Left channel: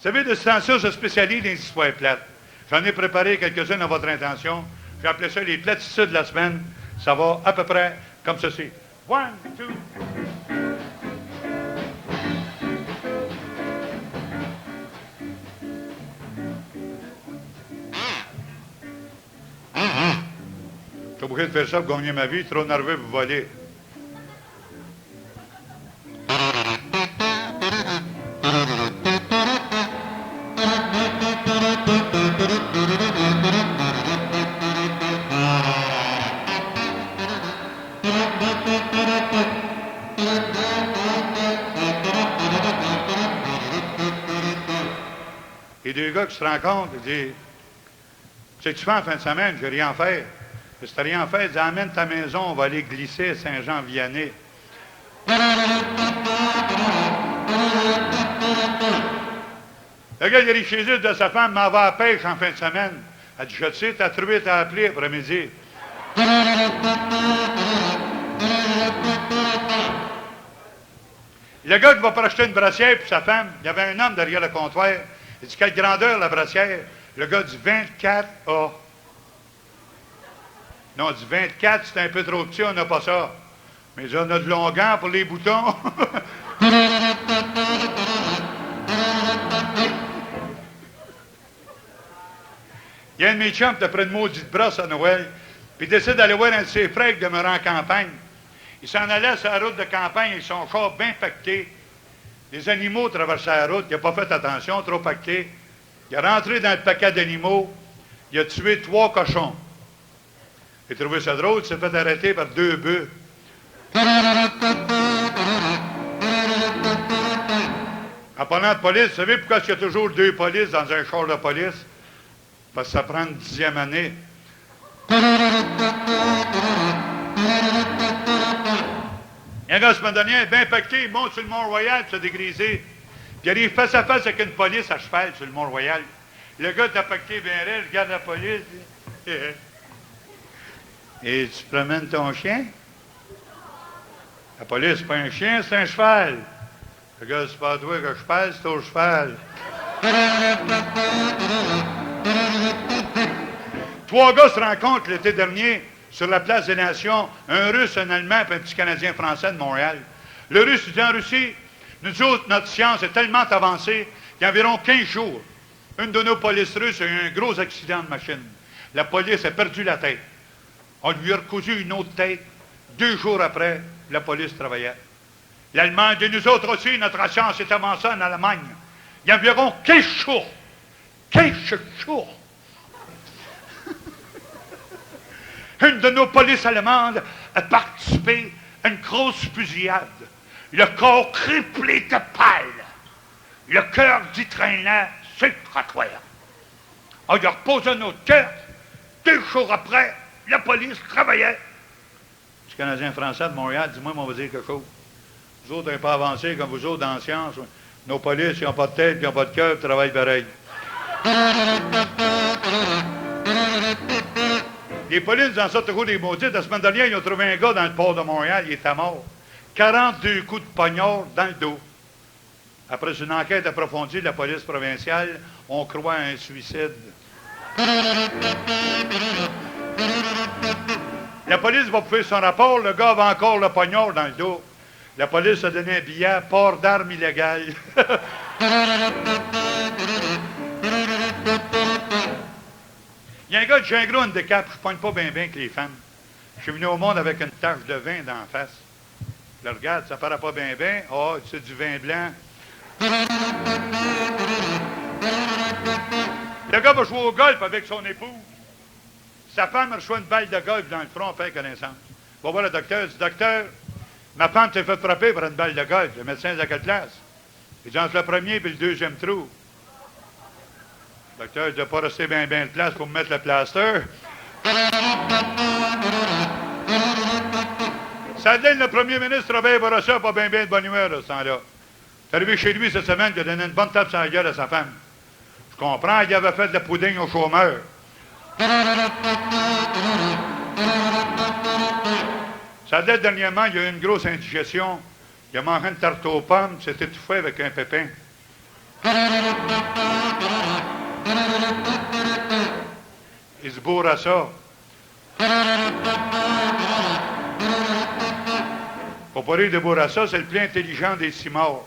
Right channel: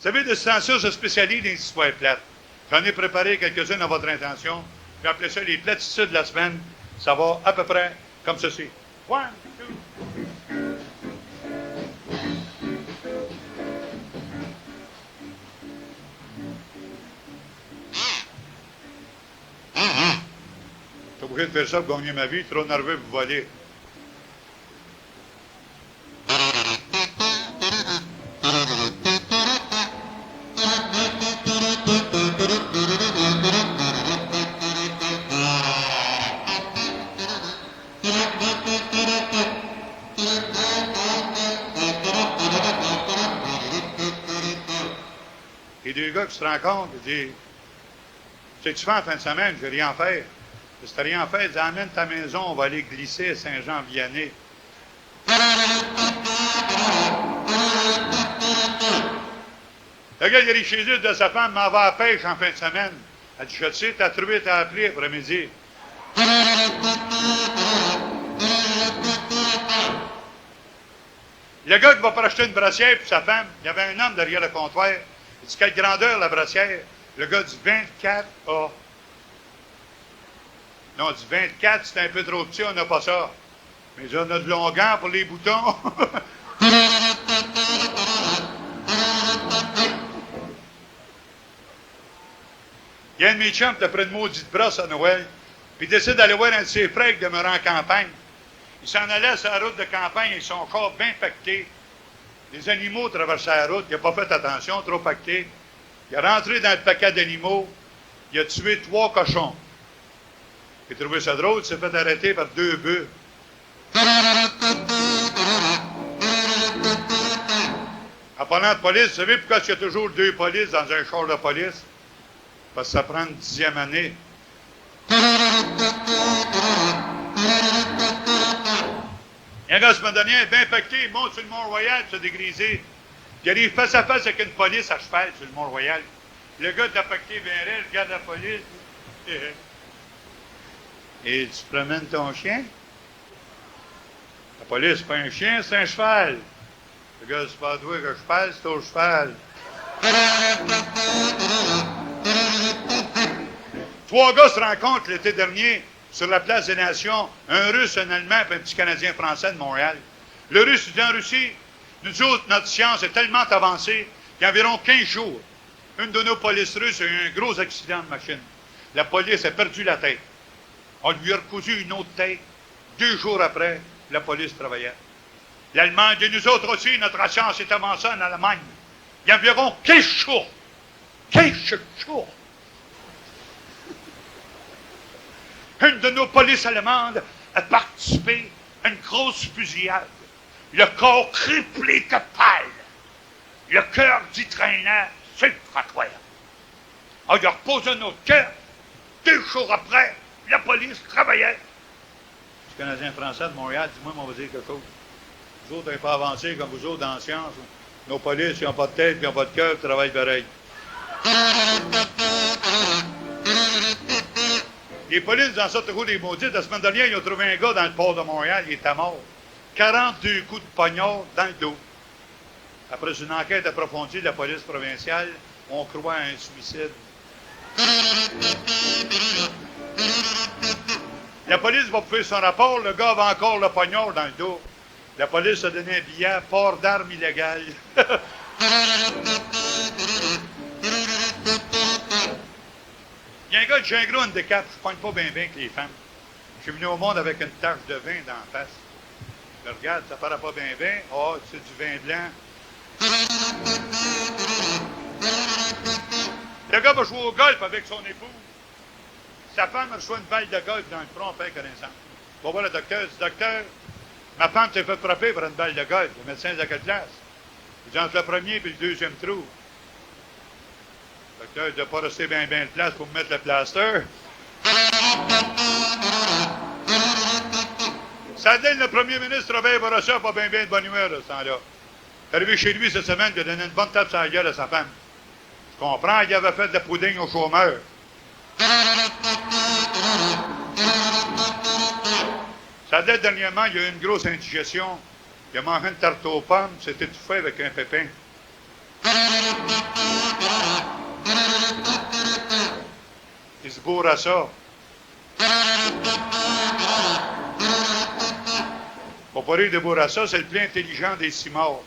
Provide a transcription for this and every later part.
Vous savez, de ce temps-là, se spécialise dans les histoires plates. J'en ai préparé quelques-unes à votre intention. J'ai appelé ça les platitudes de la semaine. Ça va à peu près comme ceci. 1, 2. Je suis obligé de faire ça pour gagner ma vie. Trop nerveux pour voler. Et deux gars qui se rencontrent, ils disent, c'est que tu fais en fin de semaine, je vais rien faire. Si tu n'as rien fait, ils disent, amène ta maison, on va aller glisser à Saint-Jean-Vianney. Le gars, il arrive chez lui, de sa femme, m'en va à la pêche en fin de semaine. Elle dit, je le sais, t'as trouvé, t'as appelé après-midi. Le gars qui va pour acheter une brassière pour sa femme, il y avait un homme derrière le comptoir. Il dit, quelle grandeur la brassière? Le gars dit 24A. Non, il dit 24, c'est un peu trop petit, on n'a pas ça. Mais on a de longueur pour les boutons. Il y a un de mes chums qui a pris une maudite brosse à Noël, puis il décide d'aller voir un de ses frères qui demeurait en campagne. Il s'en allait sur la route de campagne avec son corps bien pacté. Les animaux traversaient la route, il n'a pas fait attention, trop pacté. Il est rentré dans le paquet d'animaux, il a tué 3 cochons. Il a trouvé ça drôle, il s'est fait arrêter par 2 bœufs. En parlant de police, vous savez pourquoi il y a toujours 2 polices dans un char de police? Parce que ça prend une 10e année. Il y a un gars, la semaine dernière, bien pacté, il monte sur le Mont-Royal, s'est dégrisé. Il arrive face à face avec une police à cheval sur le Mont-Royal. Le gars t'a pacté bien raide, regarde la police. Et tu promènes ton chien? La police, c'est pas un chien, c'est un cheval. Le gars, c'est pas toi que je parle, c'est au cheval. 3 gars se rencontrent l'été dernier sur la place des Nations, un Russe, un Allemand et un petit Canadien français de Montréal. Le Russe dit en Russie, nous autres, notre science est tellement avancée qu'il y a environ 15 jours, une de nos polices russes a eu un gros accident de machine. La police a perdu la tête. On lui a recousu une autre tête. 2 jours après, la police travaillait. L'Allemand dit, nous autres aussi, notre science est avancée en Allemagne. Il y a environ 15 jours. 15 jours. Une de nos polices allemandes a participé à une grosse fusillade. Le corps criblé de pâle. Le cœur dit traînant sur le trottoir. On lui a reposé notre cœur. 2 jours après, la police travaillait. Le Canadien français de Montréal, dis-moi, on va dire quelque chose. Vous autres, n'êtes pas avancés comme vous autres dans la science. Nos polices, ils n'ont pas de tête, ils n'ont pas de cœur, ils travaillent pareil. Les polices dans cette roue des maudites, la semaine dernière, ils ont trouvé un gars dans le port de Montréal, il était mort. 42 coups de poignard dans le dos. Après une enquête approfondie de la police provinciale, on croit à un suicide. La police va faire son rapport, le gars avait encore le poignard dans le dos. La police a donné un billet, port d'armes illégales. Il y a un gars de j'ai un gros handicap, je ne pogne pas bien avec les femmes. Je suis venu au monde avec une tache de vin dans la face. Je le regarde, ça paraît pas bien. Oh, c'est du vin blanc. Le gars va jouer au golf avec son épouse. Sa femme reçoit une balle de golf dans le front, fait connaissance. Il va voir le docteur, il dit, docteur, ma femme s'est fait frapper par une balle de golf. Le médecin de quelle classe? Il dit, entre le premier et le deuxième trou. Le docteur, il ne doit pas rester bien de place pour me mettre le plaster. Ça donne le premier ministre Robert Bourassa, pas bien de bonne humeur, ce temps-là. Il est arrivé chez lui cette semaine, il a donné une bonne tape sur la gueule à sa femme. Je comprends qu'il avait fait de la pudding aux chômeurs. Ça date dernièrement, il y a eu une grosse indigestion. Il a mangé une tarte aux pommes, s'est étouffé avec un pépin. Il se bourre à ça. Pour pas rire de Bourassa, c'est le plus intelligent des six morts.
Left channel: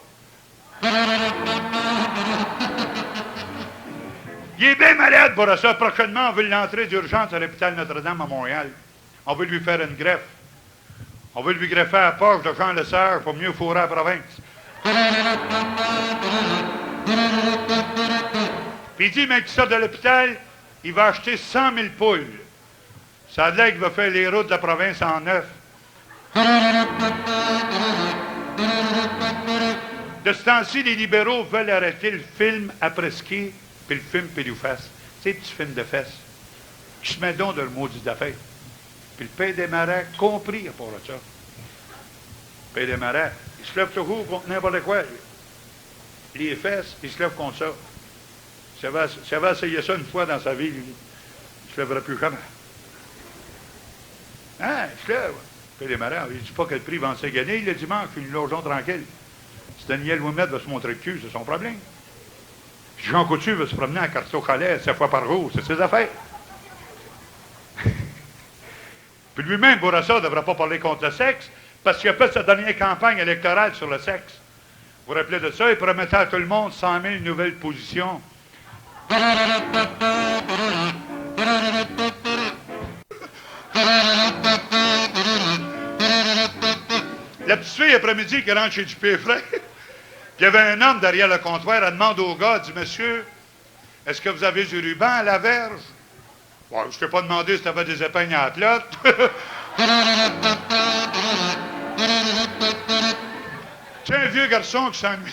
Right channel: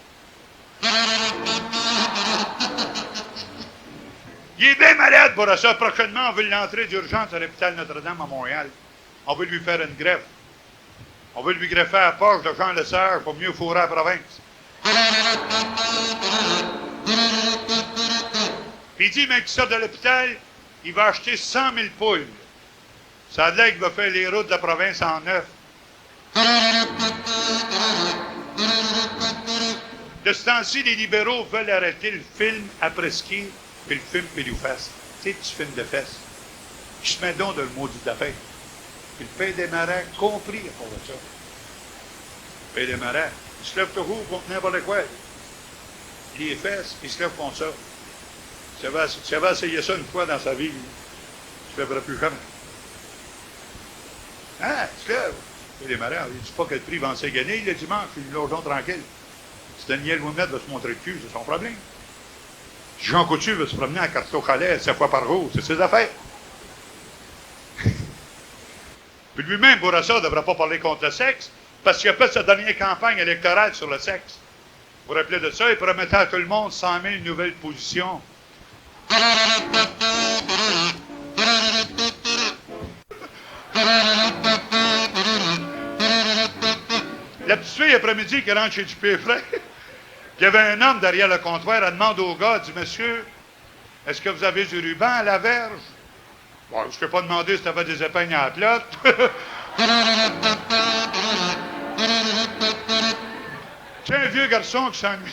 Il est bien malade, Bourassa. Prochainement, on veut l'entrer d'urgence à l'hôpital Notre-Dame à Montréal. On veut lui faire une greffe. On veut lui greffer à la poche de Jean Lesage pour mieux fourrer la province. Puis il dit, mais qu'il sort de l'hôpital, il va acheter 100 000 poules. Ça a l'air qu'il va faire les routes de la province en neuf. De ce temps-ci, les libéraux veulent arrêter le film après-ski puis le film Péloufesse. Tu sais, le petit film de fesses. Qui se met donc de le maudit d'affaires. Puis le Pays des Marais, compris à part de ça. Le Pays des Marais, il se lève toujours contre n'importe quoi. Les fesses, il se lève contre ça. S'il avait essayé ça une fois dans sa vie, il ne se lèverait plus jamais. Hein, il se lève. Le Pays des Marais, il ne dit pas que le prix va en gagner le dimanche, puis le logeons tranquille. Si Daniel Ouimet va se montrer le cul, c'est son problème. Jean Coutu veut se promener à Carteau-Chalet 7 fois par jour, c'est ses affaires. Puis lui-même, Bourassa, ne devrait pas parler contre le sexe, parce qu'il a fait sa dernière campagne électorale sur le sexe. Vous vous rappelez de ça? Il promettait à tout le monde 100 000 nouvelles positions. La petite fille, après-midi, qui rentre chez Dupé Frère, il y avait un homme derrière le comptoir, elle demande au gars, elle dit, monsieur, est-ce que vous avez du ruban à la verge? Bon, je ne t'ai pas demandé si tu avais des épingles à la plotte. C'est un vieux garçon qui s'ennuie.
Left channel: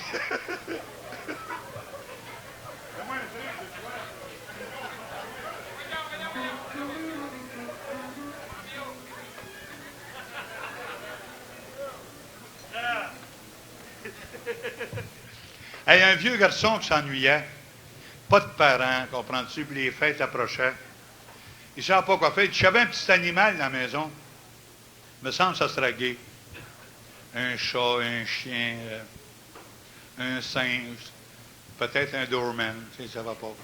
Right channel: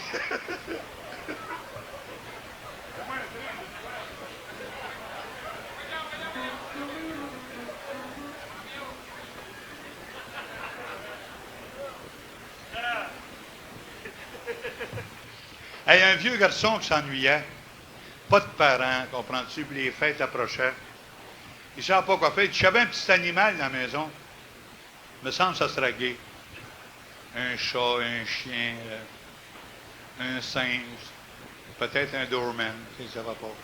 Hey, un vieux garçon qui s'ennuyait, pas de parents, comprends-tu, puis les fêtes approchaient. Il ne savait pas quoi faire. Il dit, j'avais un petit animal dans la maison. Il me semble que ça serait gai. Un chat, un chien, un singe, peut-être un doorman, si ça va pas.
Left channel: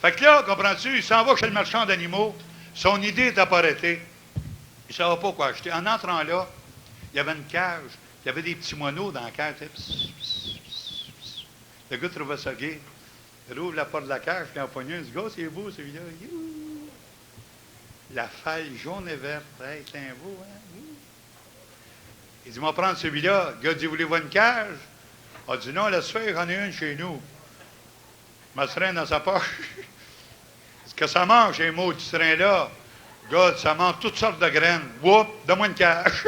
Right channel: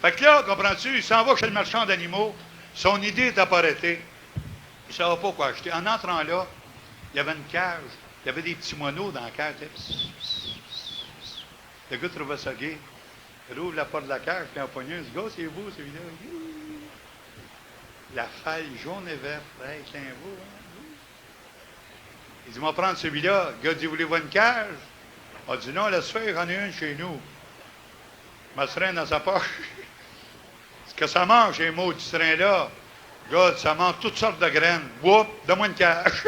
Fait que là, comprends-tu, il s'en va chez le marchand d'animaux. Son idée n'était pas arrêtée. Il ne savait pas quoi acheter. En entrant là, il y avait une cage. Il y avait des petits moineaux dans la cage. Le gars trouvait ça gai. Il ouvre la porte de la cage, puis en poignée, il dit, gars, c'est beau celui-là. La faille jaune et verte. Hey, c'est un beau, hein? Il dit, on va prendre celui-là. Le gars dit, voulez-vous une cage? Il dit, non, laisse faire, j'en ai une chez nous. Il m'a traîné dans sa poche. Ce que ça mange, ces maudits trains-là. Le gars, ça mange toutes sortes de graines. Whoop, donne-moi une cage.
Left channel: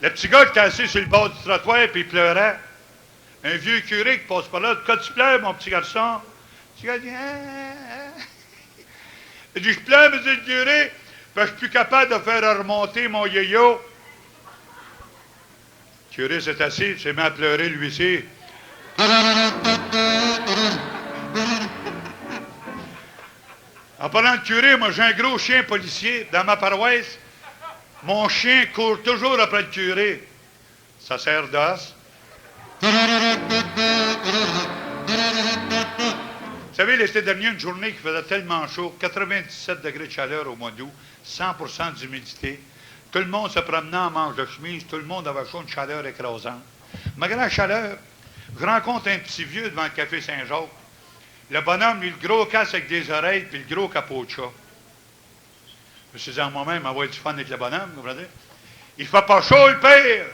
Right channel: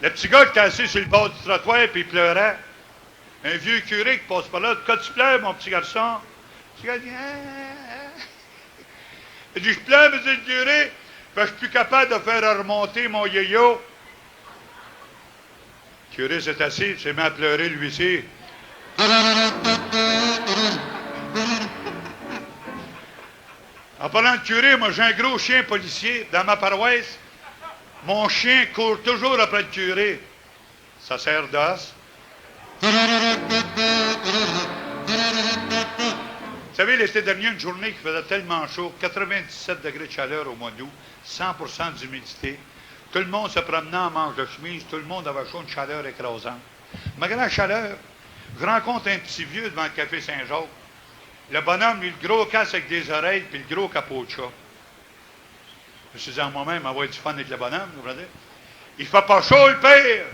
Le petit gars qui était assis sur le bord du trottoir et il pleurait. Un vieux curé qui passe par là. Quand tu pleures, mon petit garçon? Le petit gars dit, il dit, je pleure, monsieur le curé, parce que je suis plus capable de faire remonter mon yo-yo. Le curé s'est assis, il s'est mis à pleurer, lui aussi. En parlant de curé, moi j'ai un gros chien policier dans ma paroisse. Mon chien court toujours après le curé. Ça sert d'os. Vous savez, l'été dernier, une journée qui faisait tellement chaud, 97 degrés de chaleur au mois d'août, 100% d'humidité. Tout le monde se promenait en manche de chemise, tout le monde avait chaud, une chaleur écrasante. Malgré la chaleur, je rencontre un petit vieux devant le café Saint-Jacques. Le bonhomme, lui, le gros casque avec des oreilles, puis le gros capot de chat. Je me suis dit à moi-même, avoir du fun avec le bonhomme, vous voyez? Il fait pas chaud, le père!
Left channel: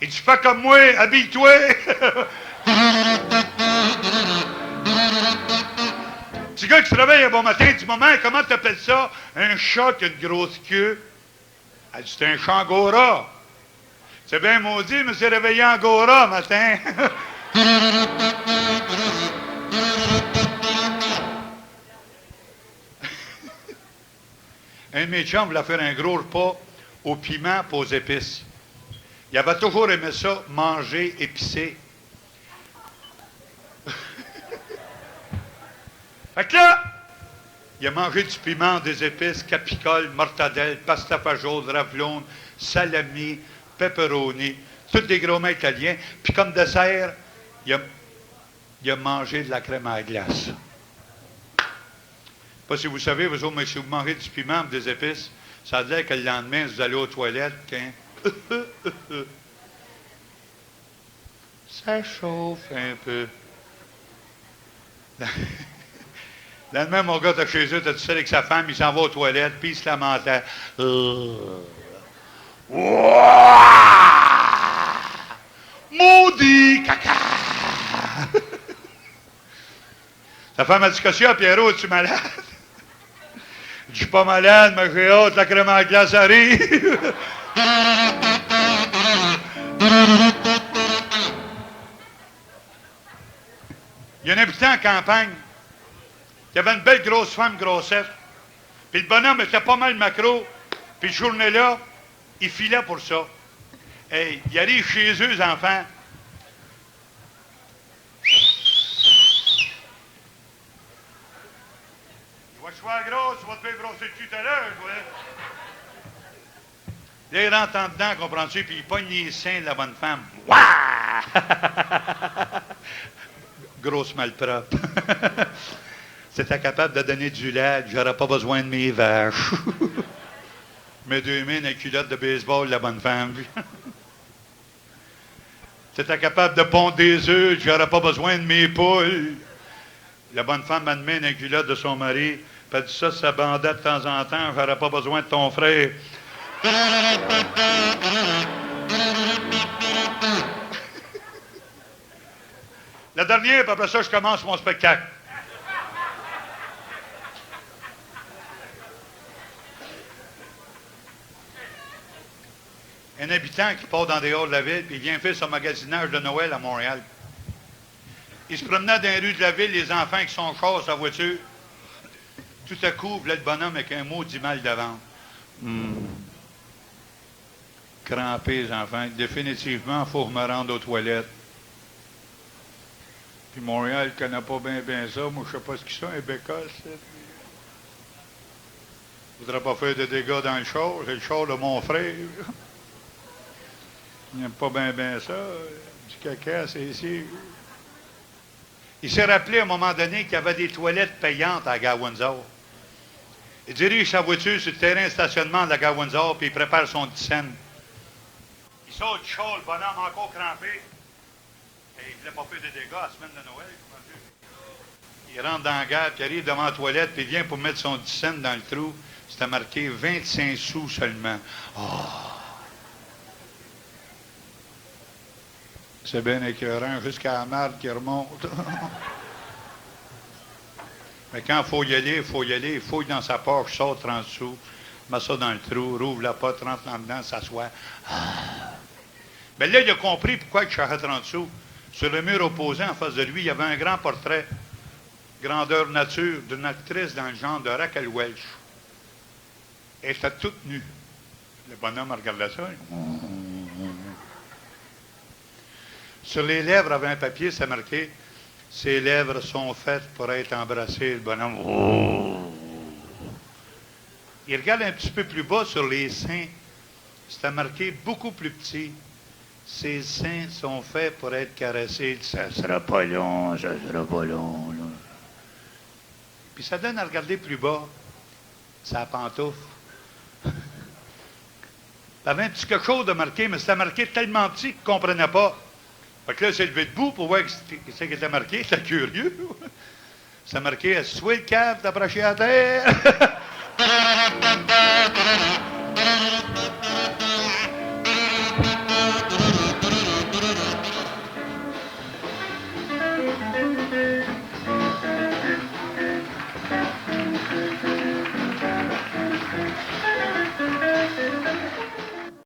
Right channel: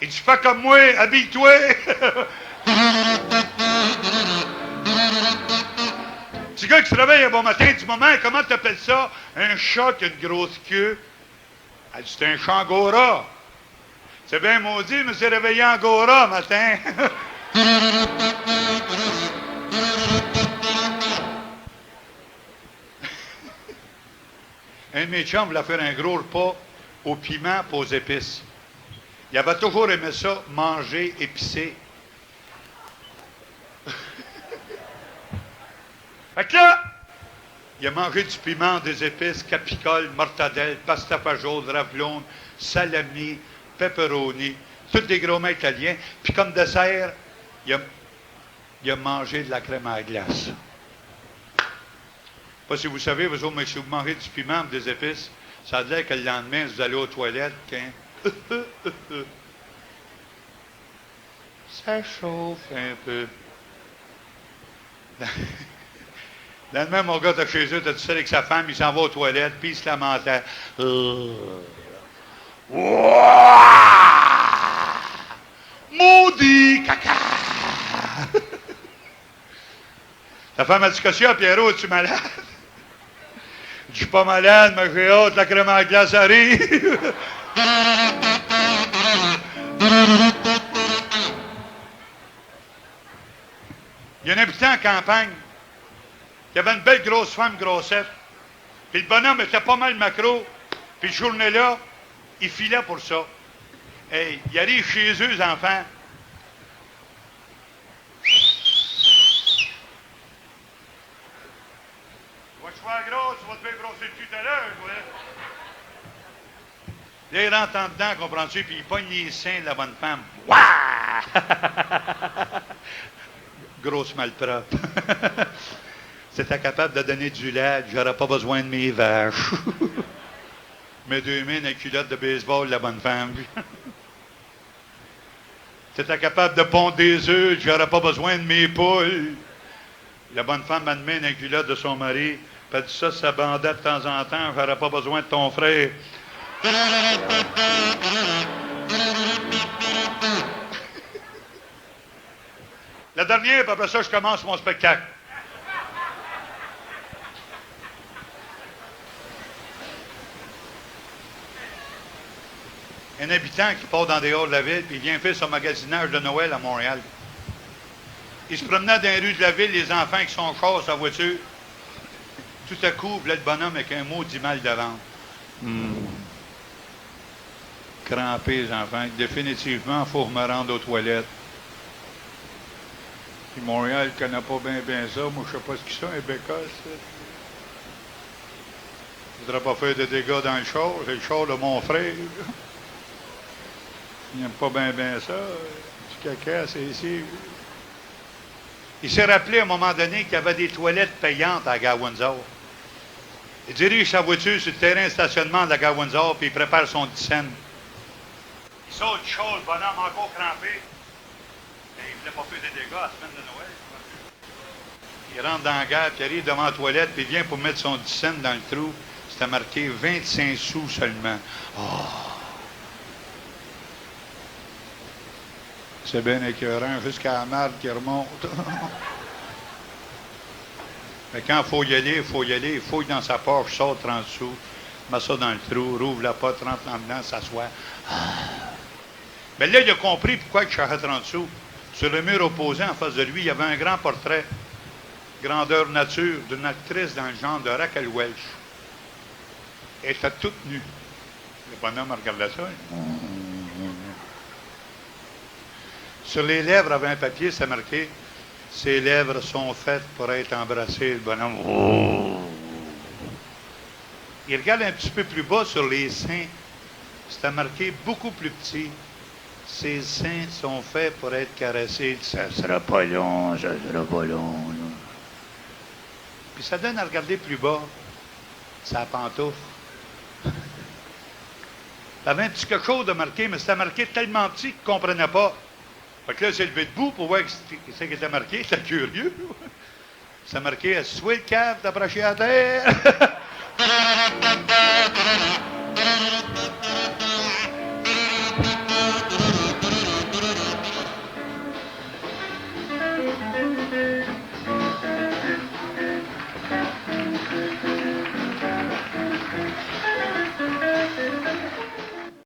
Il dit, fais comme moi, habille-toi! Petit gars qui se réveille un bon matin, il dit, maman, comment t'appelles ça? Un chat qui a une grosse queue. Elle dit, c'est un chat angora. C'est bien maudit, je me suis réveillé angora matin. Un de mes chums voulait faire un gros repas au piment et aux épices. Il avait toujours aimé ça, manger épicé. Fait que là, Il a mangé du piment, des épices, capicole, mortadelle, pasta fagioli, ravlone, salami, pepperoni, tous des gros mets italiens. Puis comme dessert, il a mangé de la crème à glace. Je ne sais pas si vous savez, vous autres, mais si vous mangez du piment des épices, ça a l'air que le lendemain, vous allez aux toilettes, ça chauffe un peu. Le lendemain, mon gars, t'as chez eux, t'as tout seul avec sa femme, il s'en va aux toilettes, puis il se lamentait. Maudit caca! La femme a dit, qu'est-ce qu'il y a, Pierrot, es-tu malade? Je suis pas malade, mais j'ai hâte, la crème à glace arrive. Il y a un habitant en campagne qui avait une belle grosse femme grossette. Puis le bonhomme était pas mal macro. Puis cette journée-là, il filait pour ça. Hey, il arrive chez eux, les enfants. Tu vas te faire gros, tu vas te faire brosser le cul tout à l'heure, ouais. Là, il rentre en dedans, comprends-tu, puis il pogne les seins de la bonne femme. Ouah! Grosse malpropre. C'était capable de donner du lait, j'aurais pas besoin de mes vaches. Mes 2 mains dans la culotte de baseball, la bonne femme. C'était capable de pondre des œufs, j'aurais pas besoin de mes poules. La bonne femme a une main dans la culotte de son mari, puis elle dit ça, ça bandait de temps en temps, j'aurais pas besoin de ton frère. La dernière, puis après ça, je commence mon spectacle. Un habitant qui part dans des halls de la ville, puis il vient faire son magasinage de Noël à Montréal. Il se promenait dans les rues de la ville, les enfants qui sont chars, sa voiture. Tout à coup, là, le bonhomme avec un mot dit mal de ventre. Crampé, les enfants. Définitivement, il faut me rendre aux toilettes. Puis Montréal ne connaît pas bien ça. Moi, je ne sais pas ce qu'ils sont, un bécosse. Je ne voudrais pas faire de dégâts dans le char. C'est le char de mon frère. Il n'aime pas bien ça. Du caca, c'est ici. Il s'est rappelé à un moment donné qu'il y avait des toilettes payantes à Gare Windsor. Il dirige sa voiture sur le terrain de stationnement de la Gare Windsor, puis il prépare son 10 cents. Il sort du char, le bonhomme encore crampé. Et il ne voulait pas faire de dégâts à la semaine de Noël. Il rentre dans la gare, puis il arrive devant la toilette, puis il vient pour mettre son 10 cents dans le trou. C'était marqué 25 sous seulement. Oh. C'est bien écœurant, jusqu'à la marde qui remonte. Mais quand il faut y aller, il fouille dans sa poche, sort 30 sous, met ça dans le trou, rouvre la porte, rentre en dedans, s'assoit. Mais là, il a compris pourquoi il cherchait 30 sous. Sur le mur opposé, en face de lui, il y avait un grand portrait, grandeur nature, d'une actrice dans le genre de Raquel Welch. Elle était toute nue. Le bonhomme regardait ça. Sur les lèvres, avait un papier, c'est marqué « Ses lèvres sont faites pour être embrassées. » Le bonhomme... Oh. Il regarde un petit peu plus bas sur les seins. C'était marqué beaucoup plus petit. « Ses seins sont faits pour être caressés. » Ça sera pas long, ça sera pas long. Là. Puis ça donne à regarder plus bas. Sa pantoufle. T'avais un petit quelque chose de marqué, mais c'était marqué tellement petit qu'il ne comprenait pas. Fait que là, il s'est levé debout pour voir ce qui était marqué. C'était curieux. C'était marqué « Soit le cave d'approcher à terre. »